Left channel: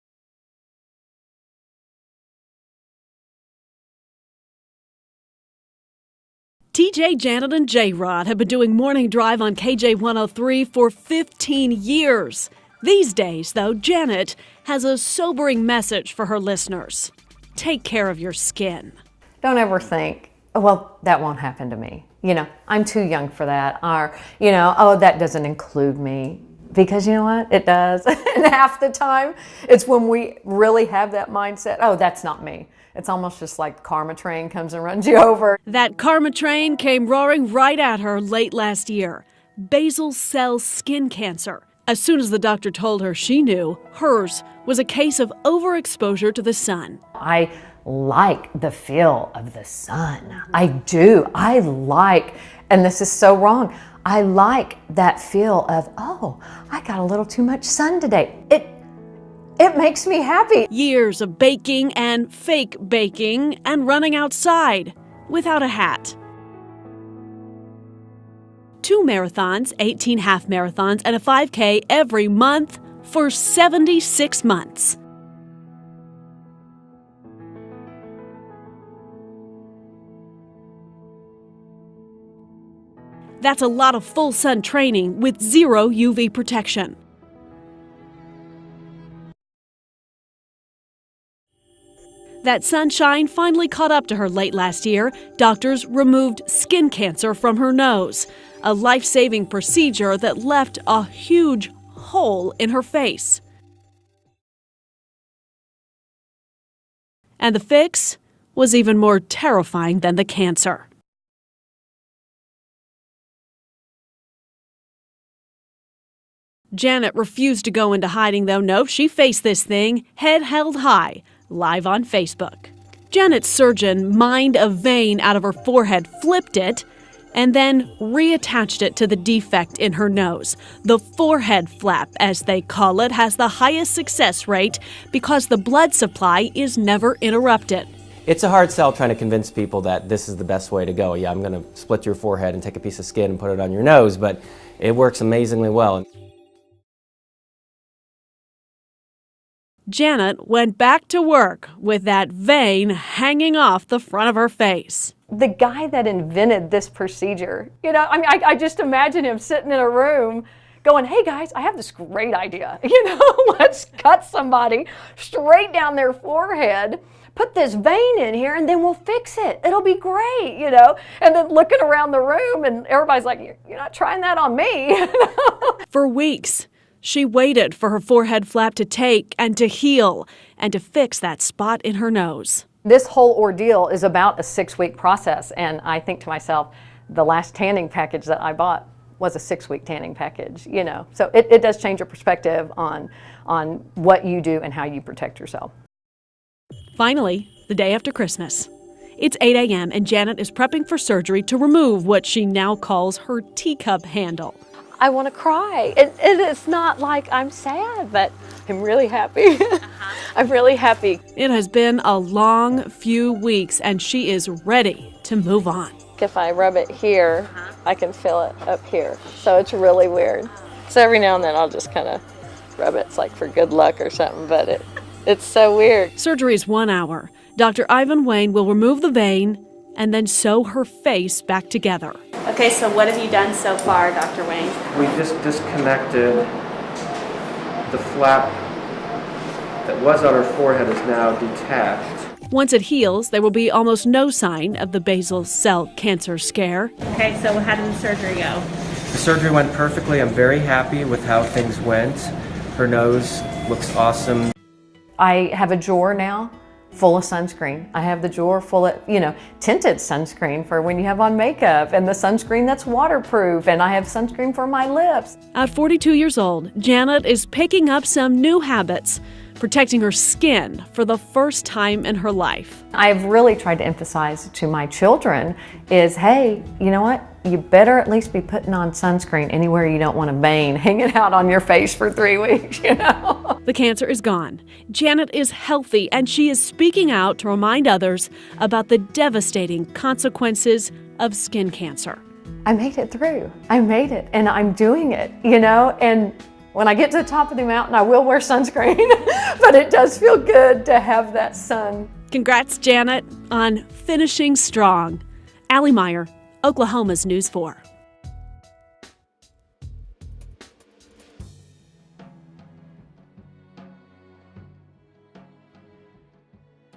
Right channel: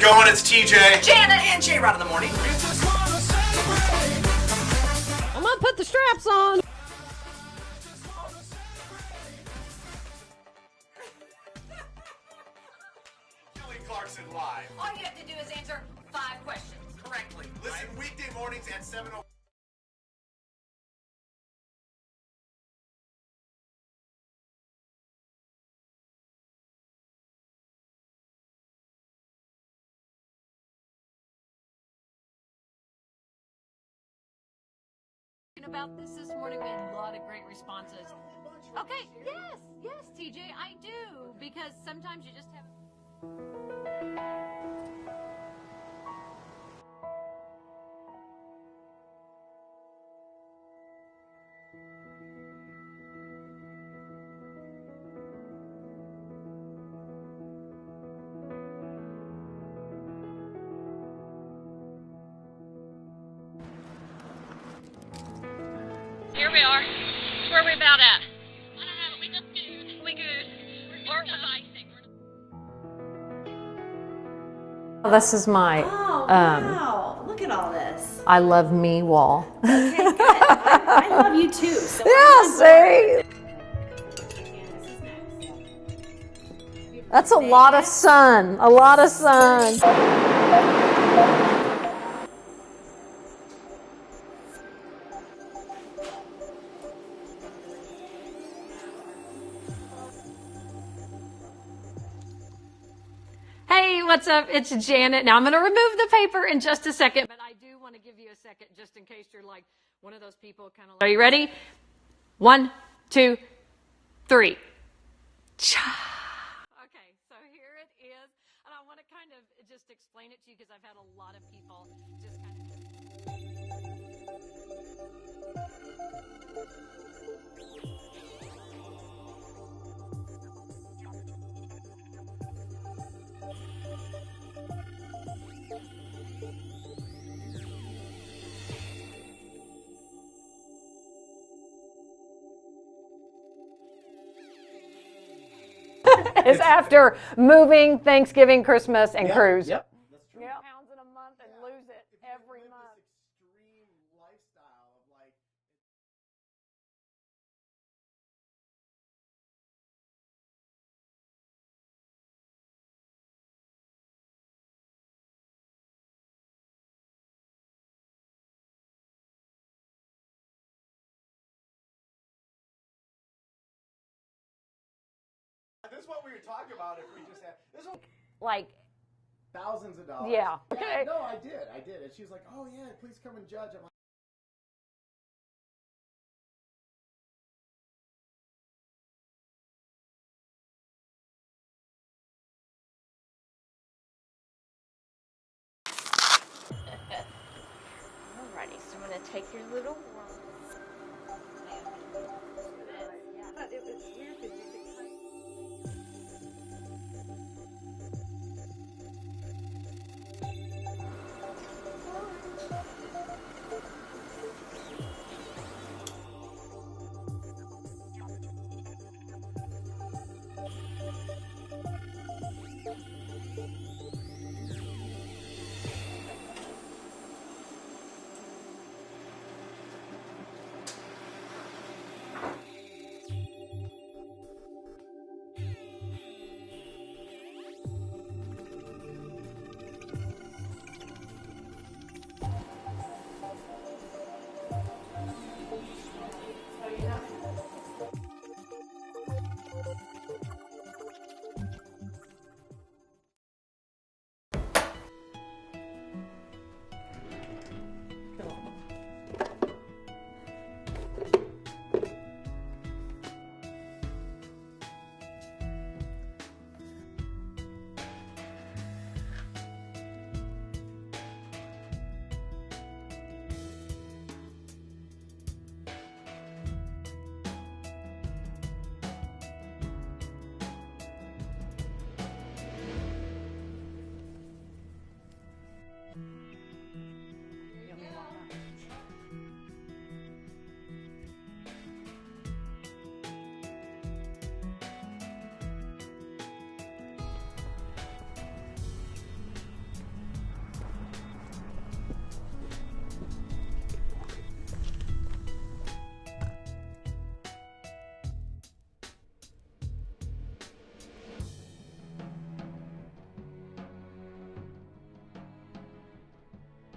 it going? It's TJ. Janet and J-Rod in the morning. I'm gonna put the straps on. TJ, Janet, and J-Rod have been doing Morning Drive on KJ 103 for 15 years. These days, though, Janet has a sobering message for her listeners. Take care of your skin. Don't ever think, oh, well, that won't happen to me. You know, I'm too young for that. Or, you know, oh, that doesn't include me. Because you know what? It does. And half the time, it's when we really have that mindset, oh, that's not me. It's almost just like the karma train comes and runs you over. That karma train came roaring right at her late last year. Basal cell skin cancer. As soon as the doctor told her she knew, hers was a case of overexposure to the sun. I like the feel of the sun. I do. I like, and this is so wrong, I like that feel of, oh, I got a little too much sun today. It makes me happy. Years of baking and fake baking and running outside without a hat. Here we are. Where are we about at? 2 marathons, 18 half marathons, and a 5K every month for 76 months. This is my, Wow. Look at all this. I love me wall. Okay, good. I love you too. So Yeah, see? That's a lot of full sun training with zero UV protection. That's a lot of sun, a lot of sun. That sunshine finally caught up to her late last year. Doctors removed skin cancer from her nose, a life-saving procedure that left a huge hole in her face. Hey, what's up? It's Janet. Now I'm going to remove the paper in just a second. And the fix was even more terrifying than the cancer. Are you ready? 1, 2, 3. Janet refused to go into hiding, though. No, she faced this thing, head held high, live on Facebook. Janet's surgeon mined a vein out of her forehead, flipped it, and then reattached it to the defect in her nose. The forehead flap, as they call it, has the highest success rate because the blood supply is never interrupted. It's a hard sell trying to convince people that this is the best way to go. Yeah, I'm going to split your forehead and take a piece of skin and put it on your nose, but it works amazingly well. It's after moving, Thanksgiving, Christmas, and cruise. Yep. Janet went back to work with that vein hanging off the front of her face. The guy that invented this procedure, you know, I mean, I just imagine him sitting in a room going, hey guys, I have this great idea. You know, let's cut somebody straight down their forehead, put this vein in here, and then we'll fix it. It'll be great, you know? And then looking around the room, and everybody's like, you're not trying that on me. For weeks, she waited for her forehead flap to take and to heal and to fix that spot in her nose. This whole ordeal is about a 6-week process, and I think to myself, the last tanning package that I bought was a 6-week tanning package, you know. So it does change your perspective on what you do and how you protect yourself. Finally, the day after Christmas. It's 8 a.m. and Janet is prepping for surgery to remove what she now calls her teacup handle. I want to cry. It's not like I'm sad, but I'm really happy. I'm really happy. It has been a long few weeks and she is ready to move on. If I rub it here, I can feel it up here. So it's really weird. So every now and then I'll just kind of rub it. It's like for good luck or something, but it's so weird. Surgery is 1 hour. Dr. Ivan Wayne will remove the vein and then sew her face back together. Okay, so what have you done so far, Dr. Wayne? We just disconnected the flap that was on her forehead is now detached. Once it heals, there will be almost no sign of the basal cell cancer scare. Okay, so how did the surgery go? The surgery went perfectly. I'm very happy with how things went. Her nose looks awesome. I have a drawer now full of sunscreen. I have the drawer full of, you know, tinted sunscreen for when you have on makeup, and the sunscreen that's waterproof, and I have sunscreen for my lips. At 42 years old, Janet is picking up some new habits, protecting her skin for the first time in her life. I've really tried to emphasize to my children is, hey, you know what? You better at least be putting on sunscreen anywhere you don't want a vein hanging out on your face for 3 weeks, you know? The cancer is gone. Janet is healthy, and she is speaking out to remind others about the devastating consequences of skin cancer. I made it through. I made it, and I'm doing it, you know? And When I get to the top of the mountain, I will wear sunscreen, but it does feel good to have that sun. Congrats, Janet, on finishing strong. Allie Meyer, Oklahoma's News 4.